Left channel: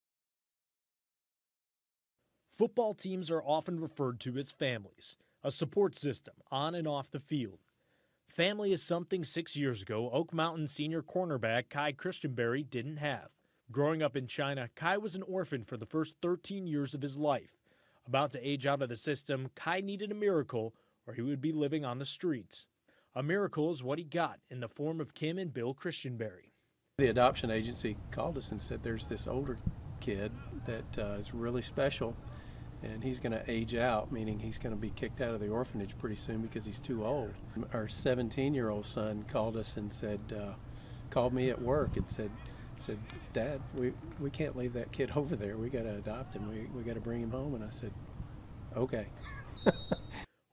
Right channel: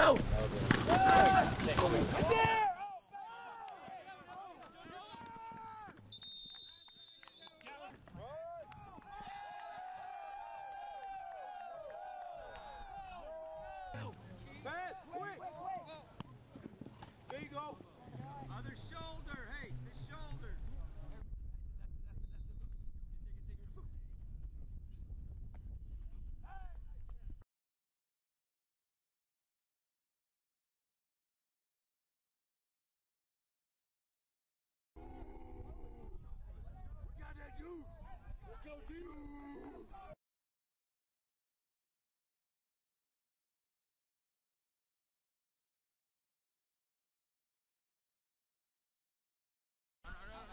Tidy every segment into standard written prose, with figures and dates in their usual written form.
go! Football teams are often referred to as families, a support system on and off the field. Family is something 6 years ago Oak Mountain senior cornerback Kai Christenberry didn't have. Growing up in China, Kai was an orphan for the first 13 years of his life. About to age out of the system, Kai needed a miracle or he would be living on the streets. A miracle is what he got in the form of Kim and Bill Christenberry. The adoption agency called us and said there's this older kid that is really special and he's going to age out, meaning he's going to be kicked out of the orphanage pretty soon because he's too old. Our 17-year-old son called us and said, called me at work and said, Dad, we can't leave that kid over there. We got to adopt him. We got to bring him home. And I said, okay.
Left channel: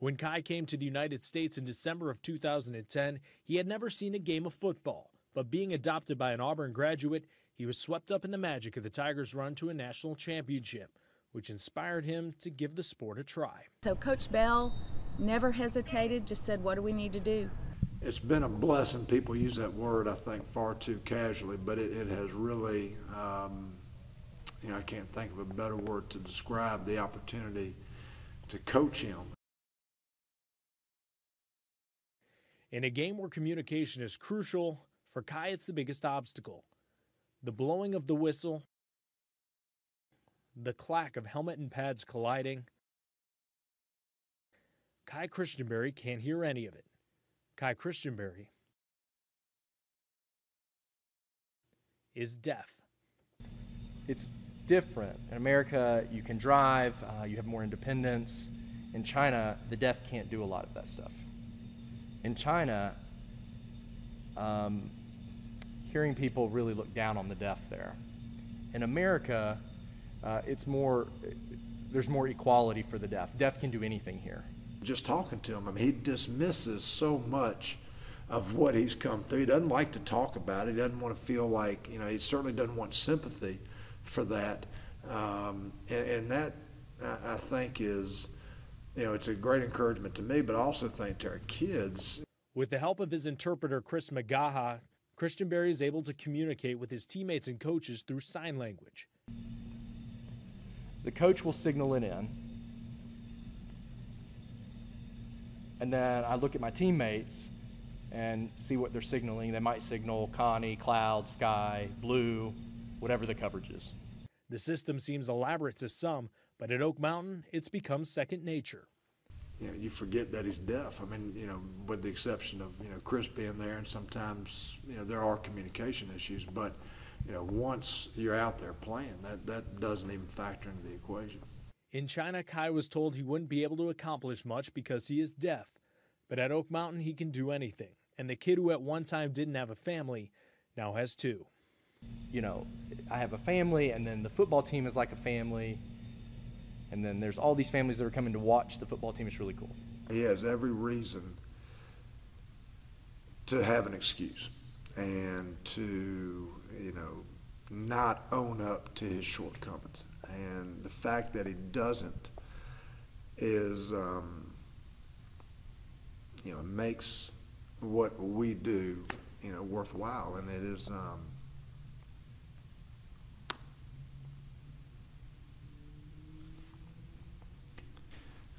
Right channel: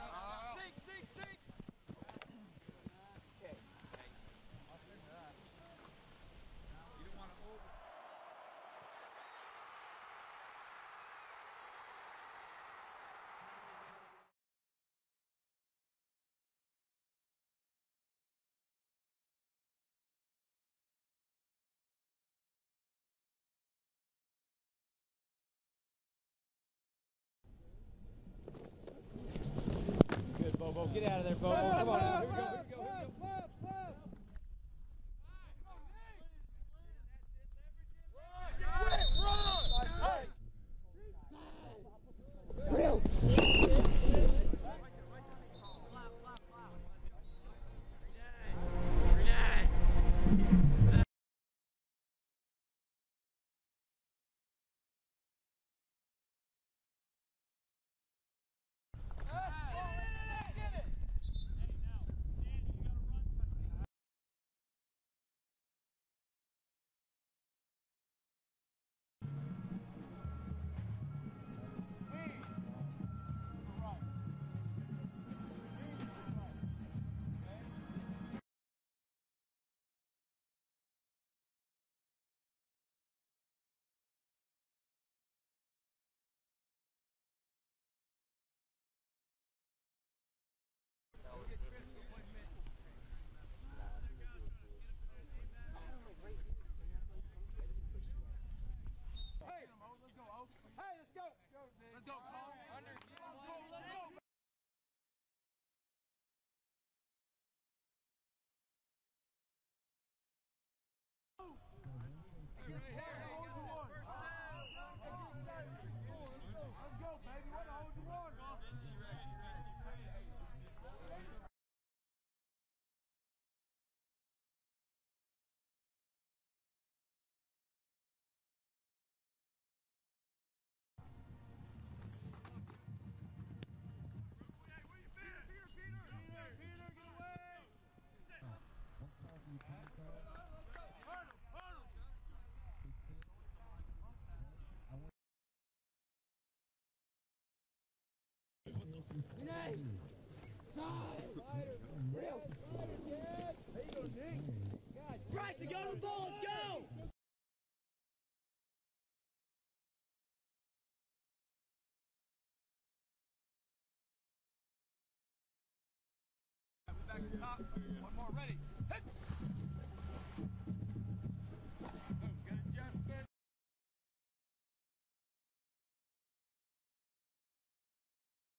When Kai came to the United States in December of 2010, he had never seen a game of football. But being adopted by an Auburn graduate, he was swept up in the magic of the Tigers' run to a national championship, which inspired him to give the sport a try. So Coach Bell never hesitated, just said, what do we need to do? It's been a blessing. People use that word, I think, far too casually, but it has really, I can't think of a better word to describe the opportunity to coach him. Good, Bobo. Get out of there, Bobo. Come on. Here we go. In a game where communication is crucial, for Kai it's the biggest obstacle. The blowing of the whistle, the clack of helmet and pads colliding. Kai Christenberry can't hear any of it. Kai Christenberry is deaf. It's different. In America, you can drive, you have more independence. In China, the deaf can't do a lot of that stuff. In China, hearing people really look down on the deaf there. In America, there's more equality for the deaf. Deaf can do anything here. Just talking to him, he dismisses so much of what he's come through. He doesn't like to talk about it. He doesn't want to feel like, he certainly doesn't want sympathy for that. And that, I think, is, it's a great encouragement to me, but I also think to our kids. With the help of his interpreter, Chris Magaha, Christenberry is able to communicate with his teammates and coaches through sign language. The coach will signal it in. And then I look at my teammates and see what they're signaling. They might signal Connie, cloud, sky, blue, whatever the coverage is. The system seems elaborate to some, but at Oak Mountain, it's become second nature. You forget that he's deaf. With the exception of, Chris being there, and sometimes, there are communication issues, but, once you're out there playing, that doesn't even factor into the equation. In China, Kai was told he wouldn't be able to accomplish much because he is deaf. But at Oak Mountain, he can do anything. And the kid who at one time didn't have a family now has two. I have a family, and then the football team is like a family. And then there's all these families that are coming to watch the football team. It's really cool. He has every reason to have an excuse and to, not own up to his shortcomings. And the fact that he doesn't is, makes what we do, worthwhile. And it is,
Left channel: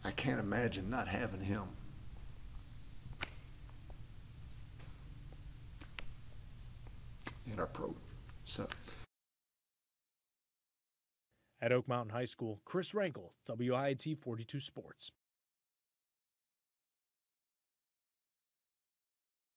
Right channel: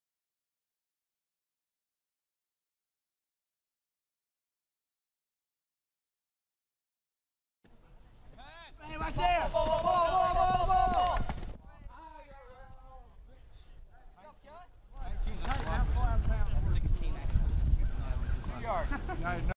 I can't imagine not having him. In our program. So. At Oak Mountain High School, Chris Rankel, WIT 42 Sports.